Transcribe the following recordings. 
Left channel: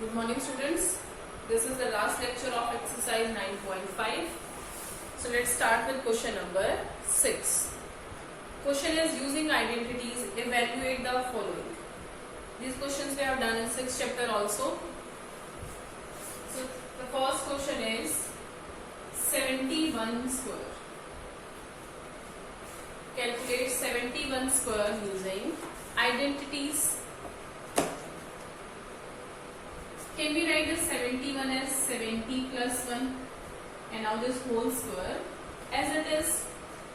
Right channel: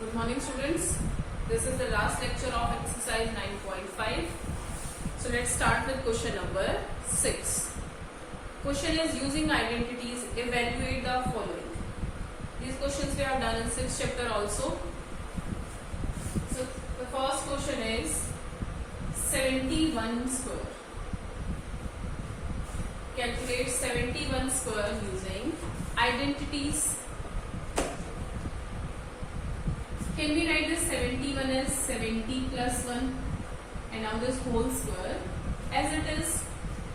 Good morning, students. This is the last lecture of exercise 9.5. So let's start with question number 6. Question is using identities, evaluate the following. These questions we have done in 6th chapter also. So the first question is 71 square. Calculate 71 square using identities. Can we write this 71 as 70 plus 1 and now this whole square as it is.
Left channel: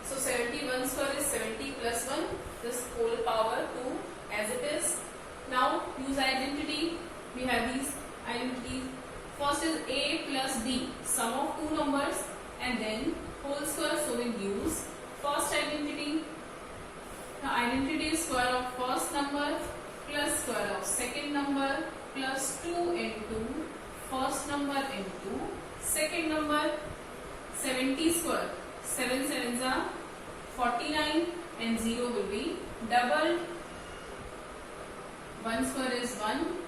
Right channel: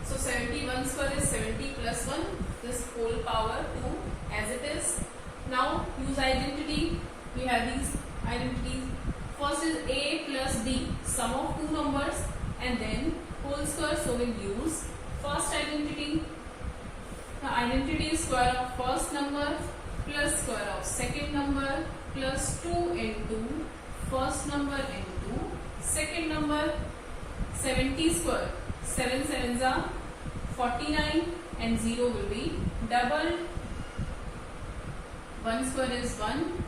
So 71 square is 70 plus 1, this whole power 2 as it is. Now use identity. We have these identities. First is A plus B, sum of two numbers and then whole square. So we'll use first identity. The identity is square of first number plus square of second number plus 2 into first number into second number. 70 square, 7 sevens are 49 and 0 will be doubled. 1 square is 1,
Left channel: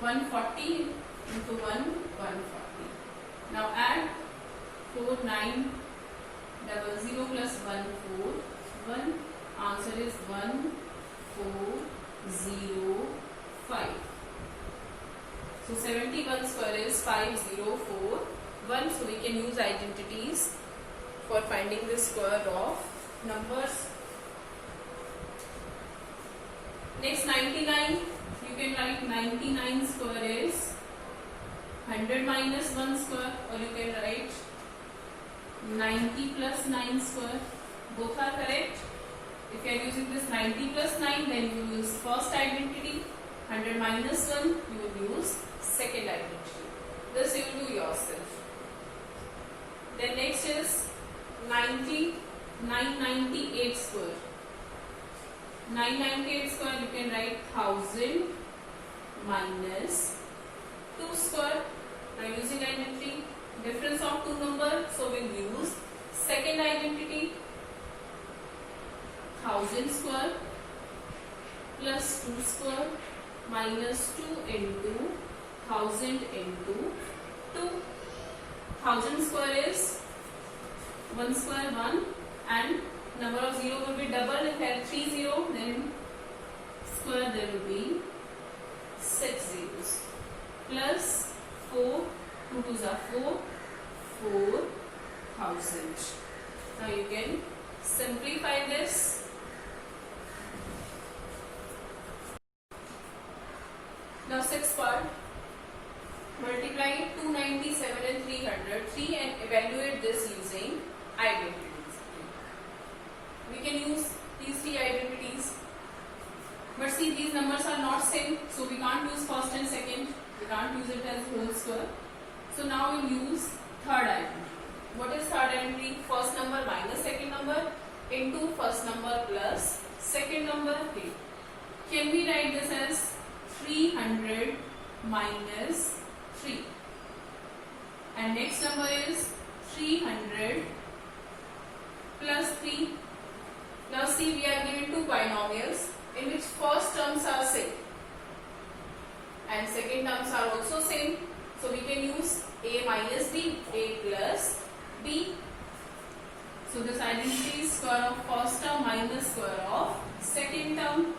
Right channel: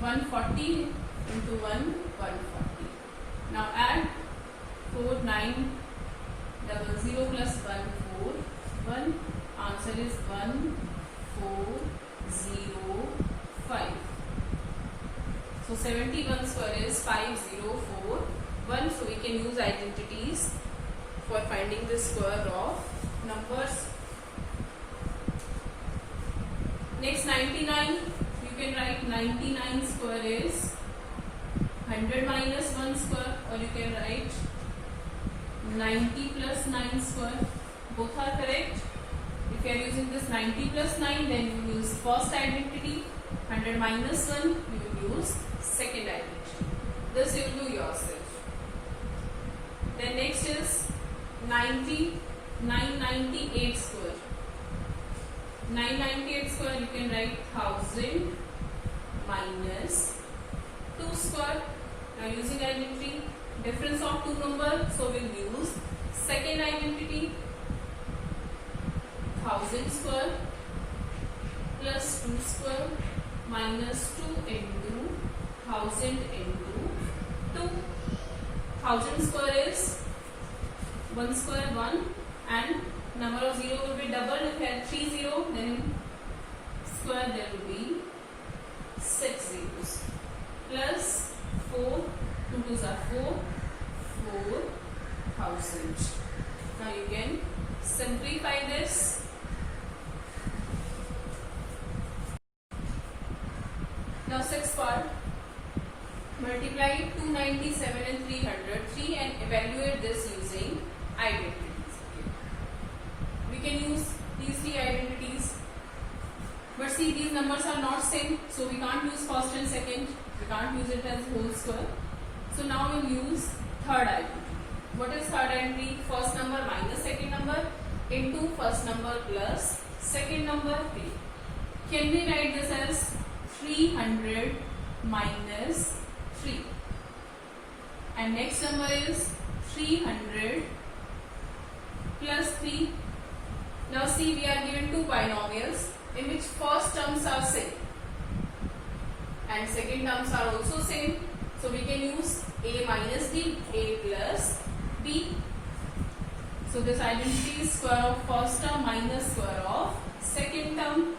140 into 1, 140. Now add 4, 9, double 0 plus 1, 4, 1. Answer is 1, 4, 0, 5. So 71 square is 5041. So we can use identities for finding the square of numbers. Next 99. You can write 99 square is 100 minus 1 square, or you can write 90 plus 9 square. Both are correct. If you are using this 90 plus 9, then you use first identity. 100 minus 1, you will use second identity. This you will do yourself. Then next is 998 square. 998 square, you can write 1000 minus 2 square. Now using identity, difference of two numbers, so we'll use second identity. 1000 square plus 2 square minus 2 into 1000 into 2. 1000 square is 1 square 1 and number of 0 will be double. If you have 3 0, then square there will be 6 zeros plus 4, 2 2s are 4, 4000. Now you can simplify this. Now 6th part, multiply 297 and 303 and evaluate this using identities. We can use these three identities, but see these numbers are not same, so we can't use first and second. We can't use it as whole square. So now we'll use third identity. What is third identity? First number minus second number into first number plus second number. Can we write this as 300 minus 3, and next number is 300 plus 3. Now see, we are given two binomials in which first terms are same and second terms are also same, so we can use a minus b, a plus b. So this identity is square of first term minus square of second term.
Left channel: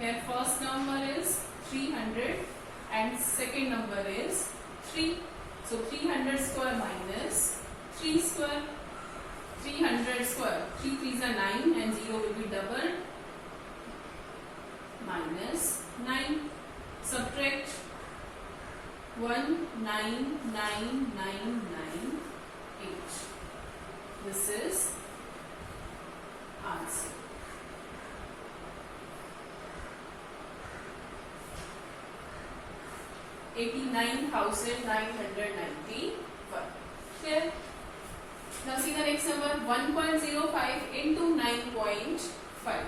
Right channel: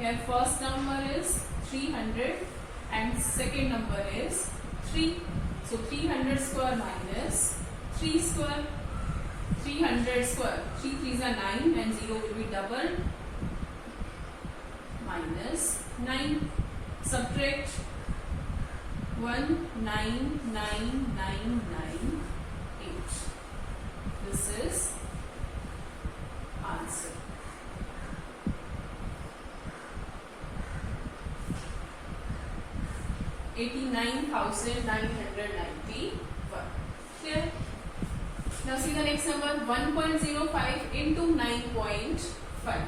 Here first number is 300 and second number is 3. So 300 square minus 3 square. 300 square, 3 3s are 9 and 0 will be doubled, minus 9. Subtract 1 9 9 9 9 8. This is answer. $89,991. Clear? Now see the next number, 1.05 into 9.5.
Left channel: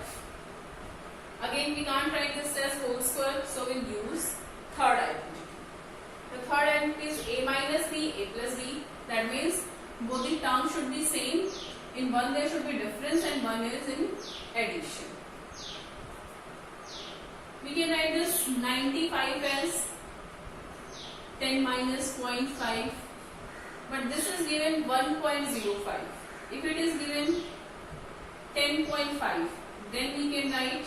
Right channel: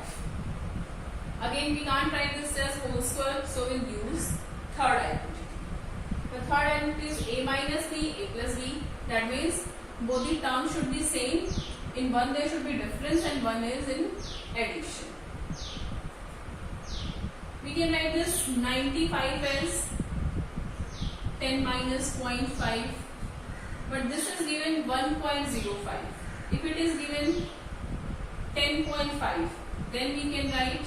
Again we can't write this as whole square, so we'll use third identity. The third identity is a minus b, a plus b. That means both the terms should be same. In one there should be difference and one is in addition. We can write this 95 as 10 minus 0.5, but this is given 1.05. If it is given 10.5, then we can write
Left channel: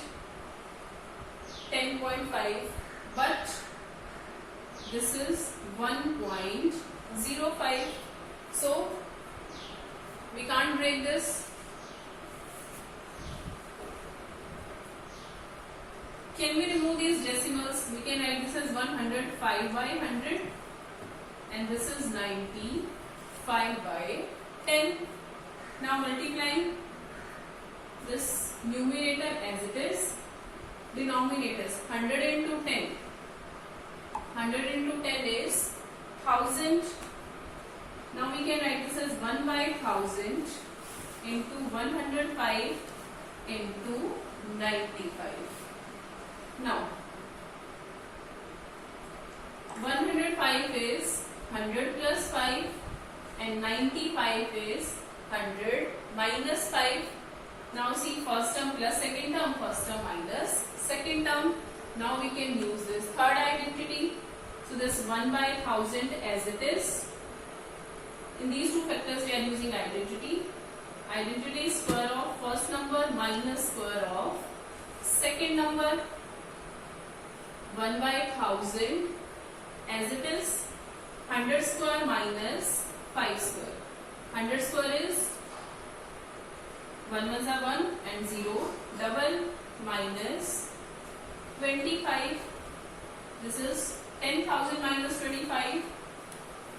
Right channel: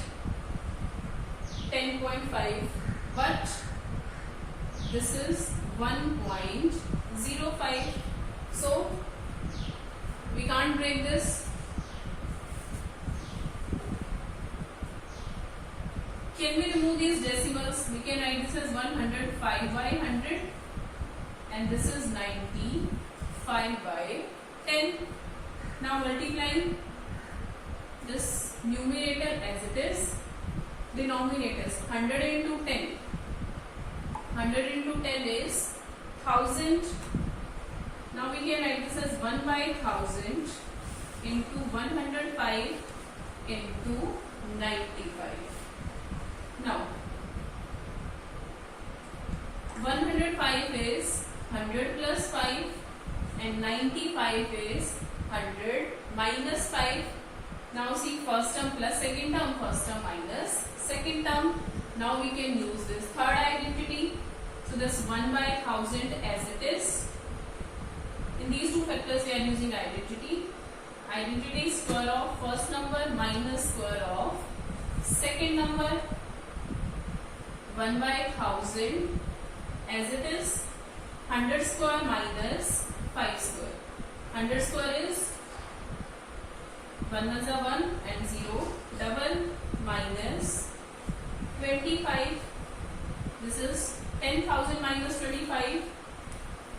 10.5, but this is 1.05, so we can't break this. Can we remove these decimals? We can write this as 105 by 100 and this is 95 by 10. Now multiplying this numerator as it is, denominators 100 into 10. 100 into 10 is 1000. Now we can write this as 1 by 1000 into 105 into 95. Now 105 is 100 plus 5 and 95 is 100 minus 5. Now see, first term plus second term, first term minus second term. Now we can use this third identity. So this 1 by 1000 as it is. In these two factors we are using identity. Identity is square of first number minus square of second number. 1 by 1000 as it is. 100 square minus 5 square. 100 square is 1 ones are 1 and 0. Double minus 25. This is 10,000 minus 25.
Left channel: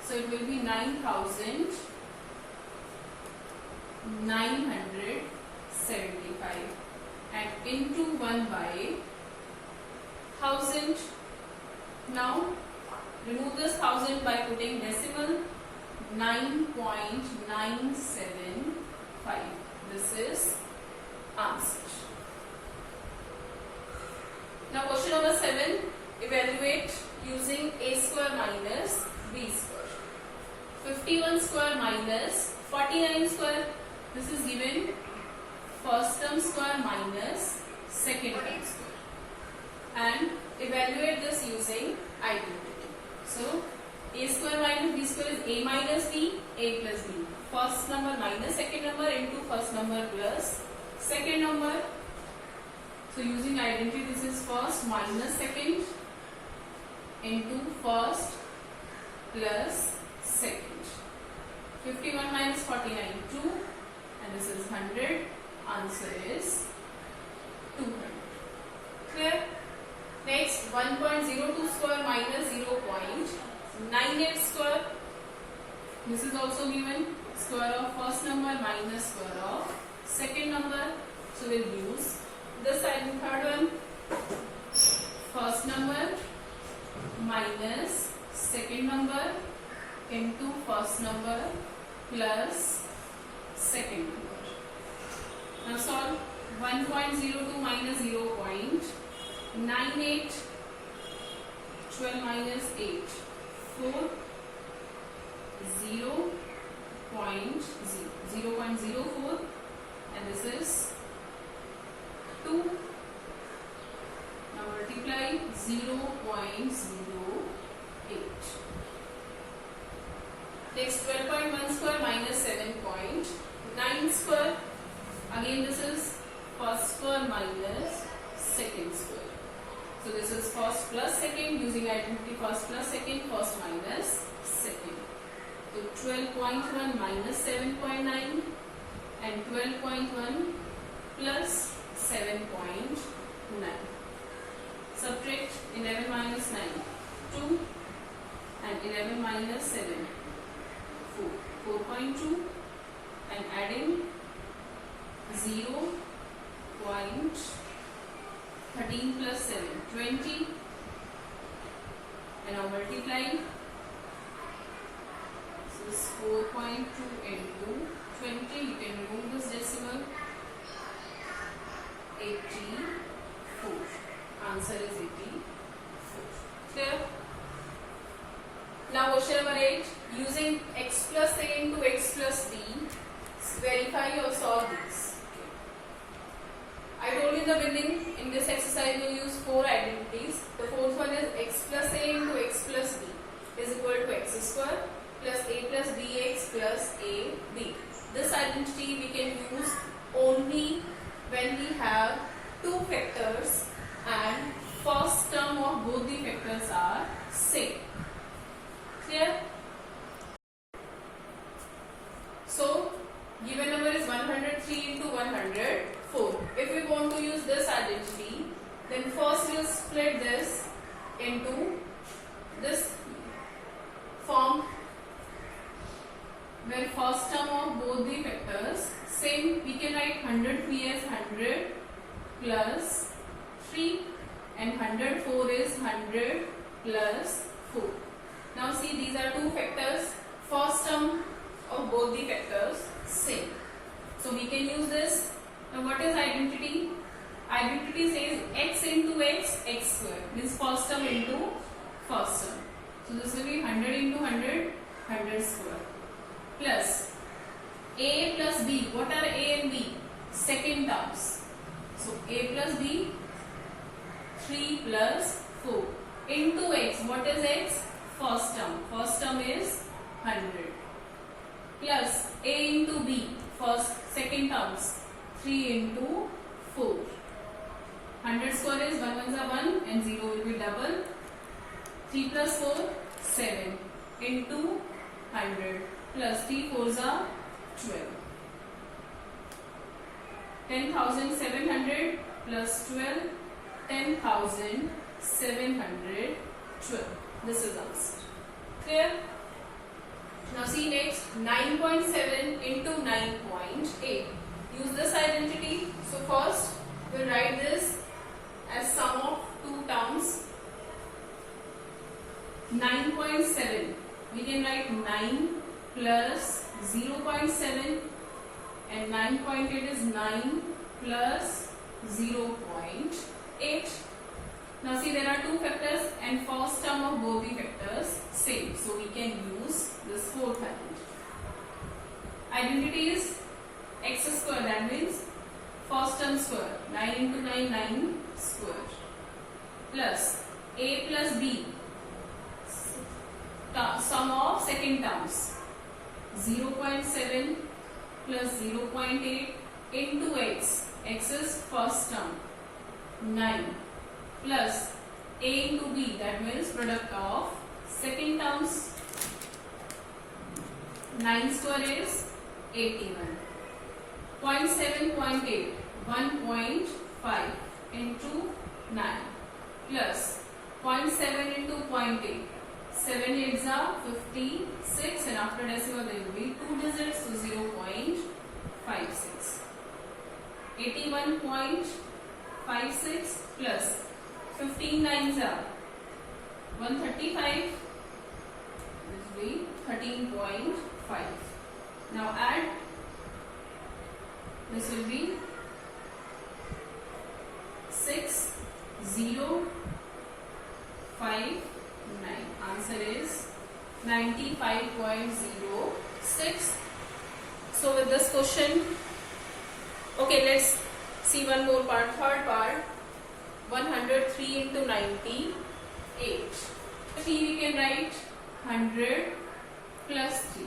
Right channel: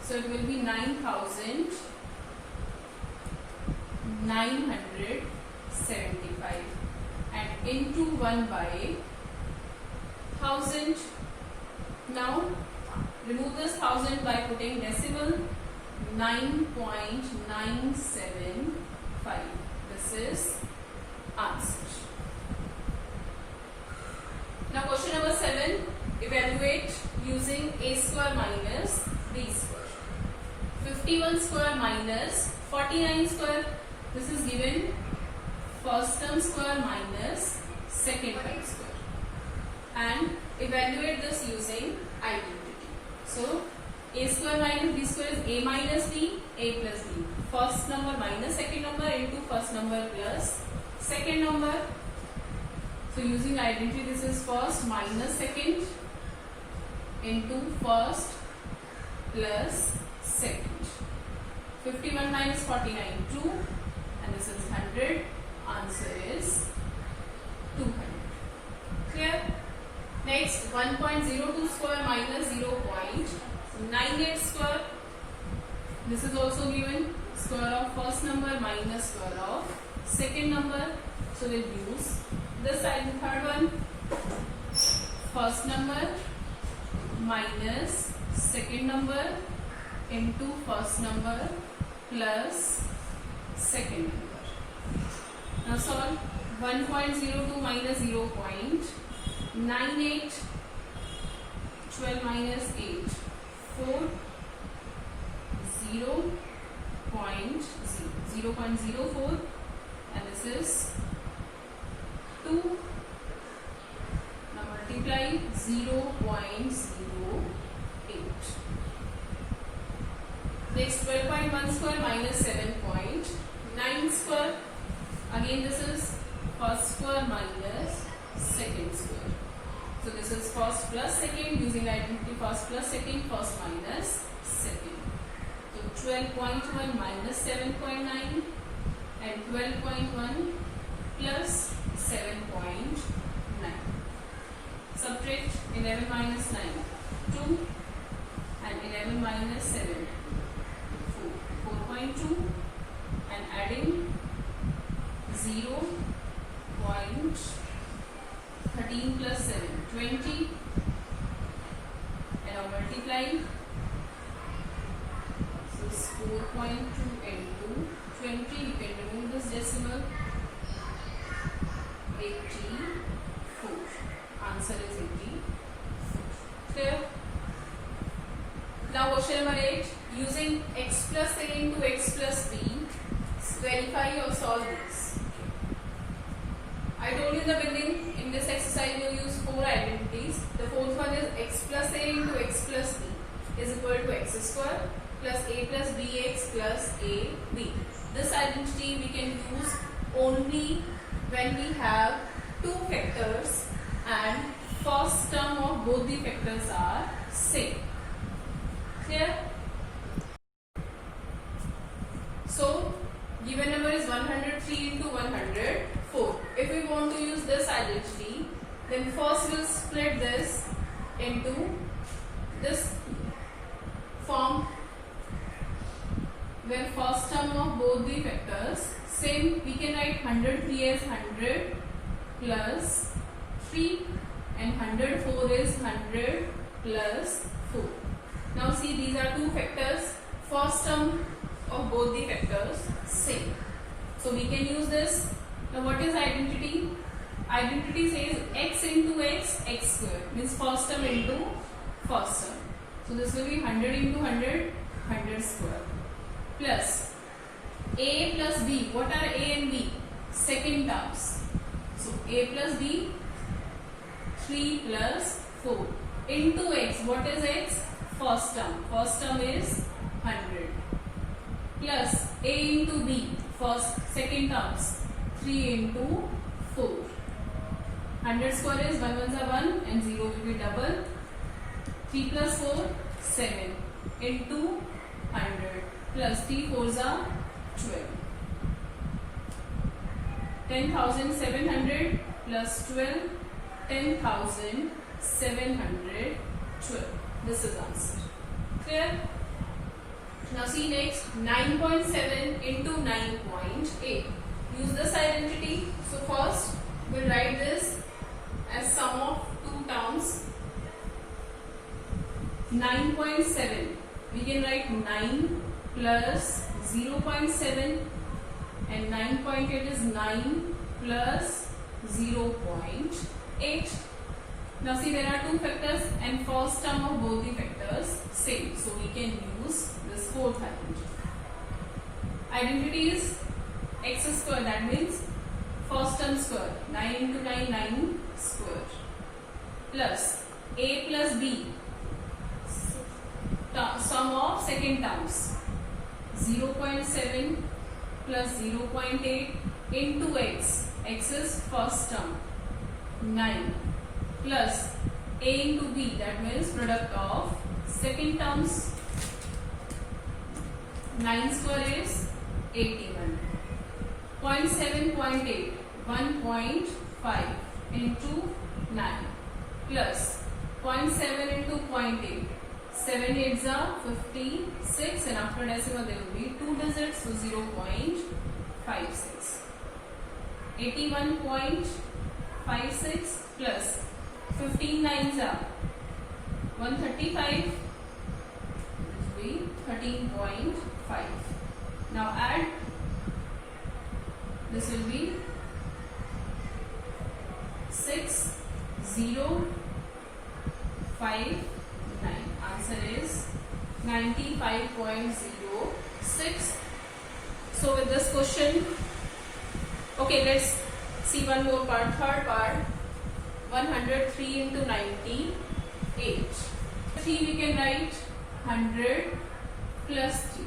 So it will be 9,975 and into 1 by 1000. Now remove this 1000 by putting decimal. 9.975. This is answer. Now question number 7. Evaluate using a square minus b square. 51 square minus 49 square. This is given first term square minus second term square. And evaluate this using identity. So a square minus b square is a minus b, a plus b. First number minus second number into first number plus second number. So using identity, this is first minus second into first plus second. 51 minus 49, 2, and this is 100. Answer is 200. Clear? Next, 1.02 square minus 0.98 square. This is also given square of first number minus square of second number. So we'll use this side, the third one. First number minus second number into first number plus second number. Now solve. 1.02 minus 0.98. 12 minus 8. 4. 0.04. And this is 2. Now multiply 0.08. Next 12.1 square minus 7.9 square. Again this is first square minus second square. So this is first plus second using identity first plus second, first minus second. So 12.1 minus 7.9 and 12.1 plus 7.9. Subtract 11 minus 9, 2 and 11 minus 7, 4, 4.2 and adding 0.13 plus 7, 20 and now multiply. So this 4.2 into 20, you can remove this decimal. 84. Answer is 84. Clear? Now question number 8. Using x plus a into x plus b, verify or solve this. Okay. I told you in the beginning, in this exercise we will use 4 identities. The fourth one is x plus a into x plus b is square plus a plus bx plus ab. This identity we can use only when we have two factors and first term of both the factors are same. Clear? So given number is 103 into 104. If we want to use this identity, then first we'll split this into this form where first term of both the factors same. We can write 103 as 100 plus 3 and 104 is 100 plus 4. Now see, these are two factors. First term of both the factors same. So we can use this. Now what is identity? Identity says x into x, x square. Means first term into first term. So this will be 100 into 100, 100 square. Plus a plus b. What are a and b? Second terms. So a plus b, 3 plus 4 into x. What is x? First term. First term is 100 plus a into b, second terms, 3 into 4. 100 square is 1 ones are 1 and 0 will be double. 3 plus 4, 7 into 100 plus 3 4s are 12. 10,700 plus 12, 10,712. This is answer. Clear? Now see next, 9.7 into 9.8. Use this identity. So first we'll write this as sum of two terms. 9.7. We can write 9 plus 0.7 and 9.8 is 9 plus 0.8. Now see, there are two factors and first term of both the factors same. So we can use this fourth identity. Identity is x square, that means first term square, 9 into 9, 9 square, plus a plus b, sum of second terms, 0.7 plus 0.8 into x, x is first term, 9 plus a into b, that means product of second terms. 9 square is 81. 0.7, 0.8, 1.5 into 9 plus 0.7 into 0.8. 7 8s are 56 and after decimal there will be 2 digits, so 0.56. 81.56 plus 15 9s are 135. This will be 13.5. Now add. This will be 6059. Answer is 95.06. So with this question, okay, let's see one more part. Third part, 103 into 98. 3 we can write 100 plus 3.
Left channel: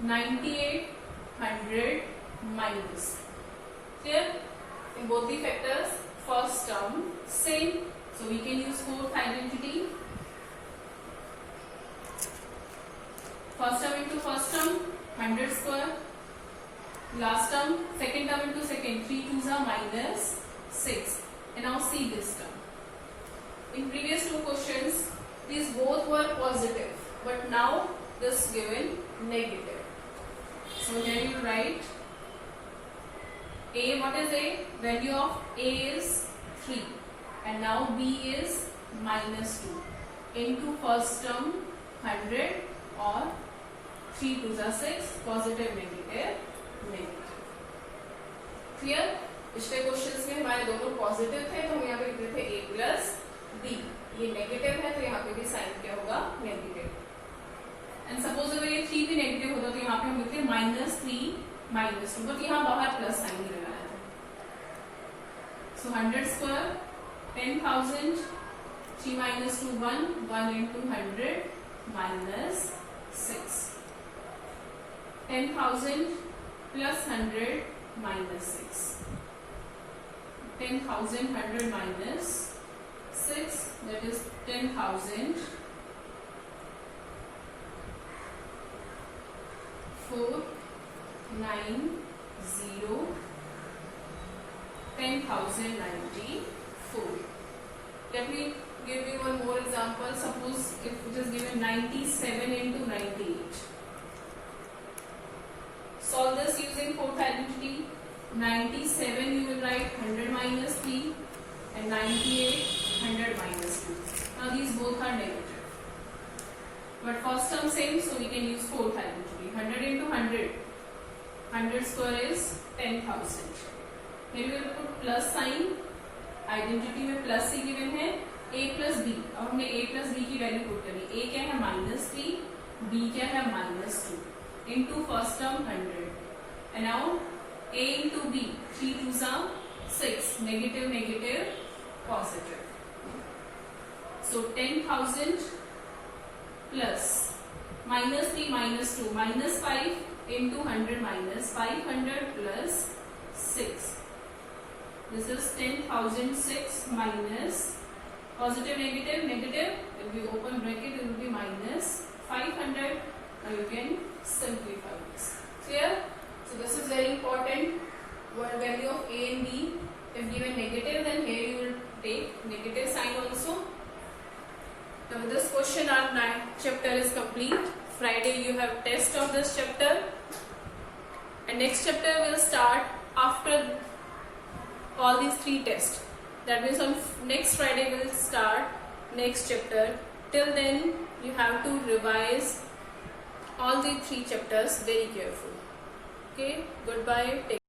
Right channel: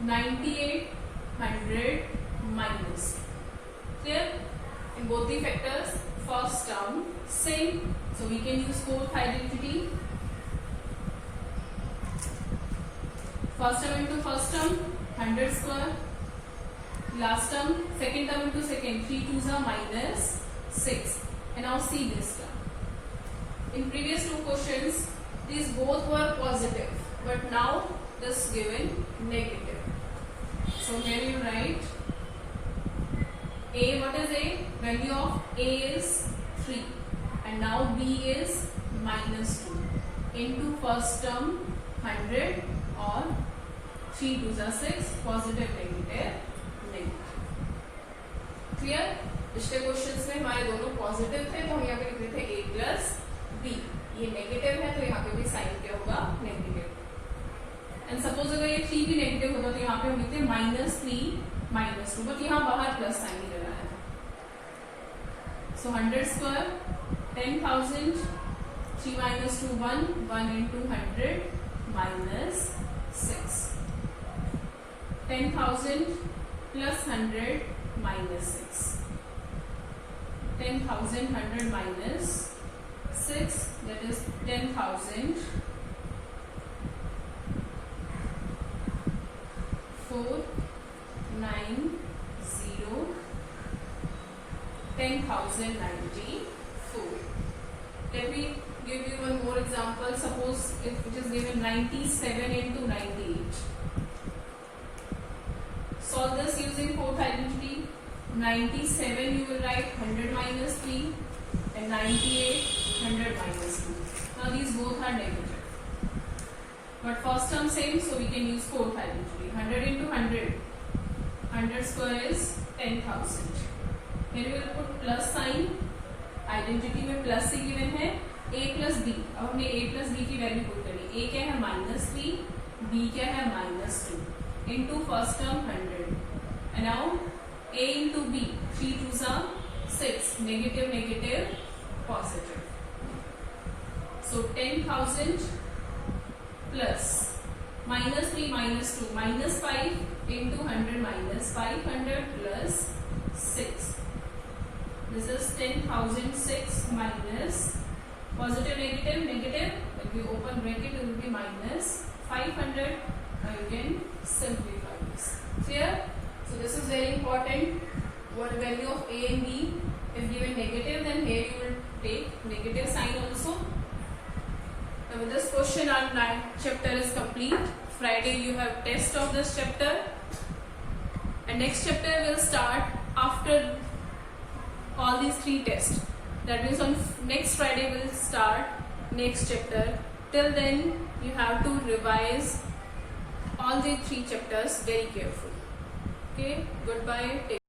98, 100 minus. Clear? In both the factors, first term same. So we can use fourth identity. First term into first term, 100 square. Last term, second term into second, 3 2s are minus 6. And now see this term. In previous two questions, these both were positive, but now this given negative. So here you write A. What is A? Value of A is 3 and now B is minus 2 into first term 100 or 3 2s are 6, positive, negative, negative. Clear? पिछले questions में हमारे दोनों positive थे तो हम यहाँ पे लिखते थे A प्लस B. ये नेगेटिव है तो यहाँ पे भी साइन क्या होगा? नेगेटिव. एंड सपोज अगर ये 3 भी नेगेटिव होता तो यहाँ पे हम लिखते -3 -2, बट यहाँ बाहर प्लस साइन ही लगाया था. सो 100 square 10,000, 3 - 2 1 into 100 minus 6. 10,000 plus 100 minus 6. 10,000 100 minus 6, that is 10,000 4 9 0 10,094. Let me give you one more example. Suppose if it is given 97 into 98. Solve this using fourth identity. 97 you will write 100 minus 3 and 98 100 minus 2. Now these both are negative. But first term same, so we can use fourth identity. 100 into 100. 100 square is 10,000. Here you will put plus sign. Identity में plus से given है a plus B. अब हमने a plus B की value put करनी. a क्या है -3, b क्या है -2 into first term 100. And now a into b, 3 2s are 6, negative negative positive. So 10,000 plus -3 -2 -5 into 100 minus 500 plus 6. This is 10,006 minus positive negative negative. If you open bracket, it will be minus 500. Now you can simplify this. Clear? So this is very important. What value of a and b? If given negative, then here you will take negative sign also. Now with this question, our chapter is complete. Friday you have test of this chapter, and next chapter will start after all these 3 tests. That means on next Friday we'll start next chapter. Till then you have to revise all the 3 chapters very carefully. Okay, goodbye. Take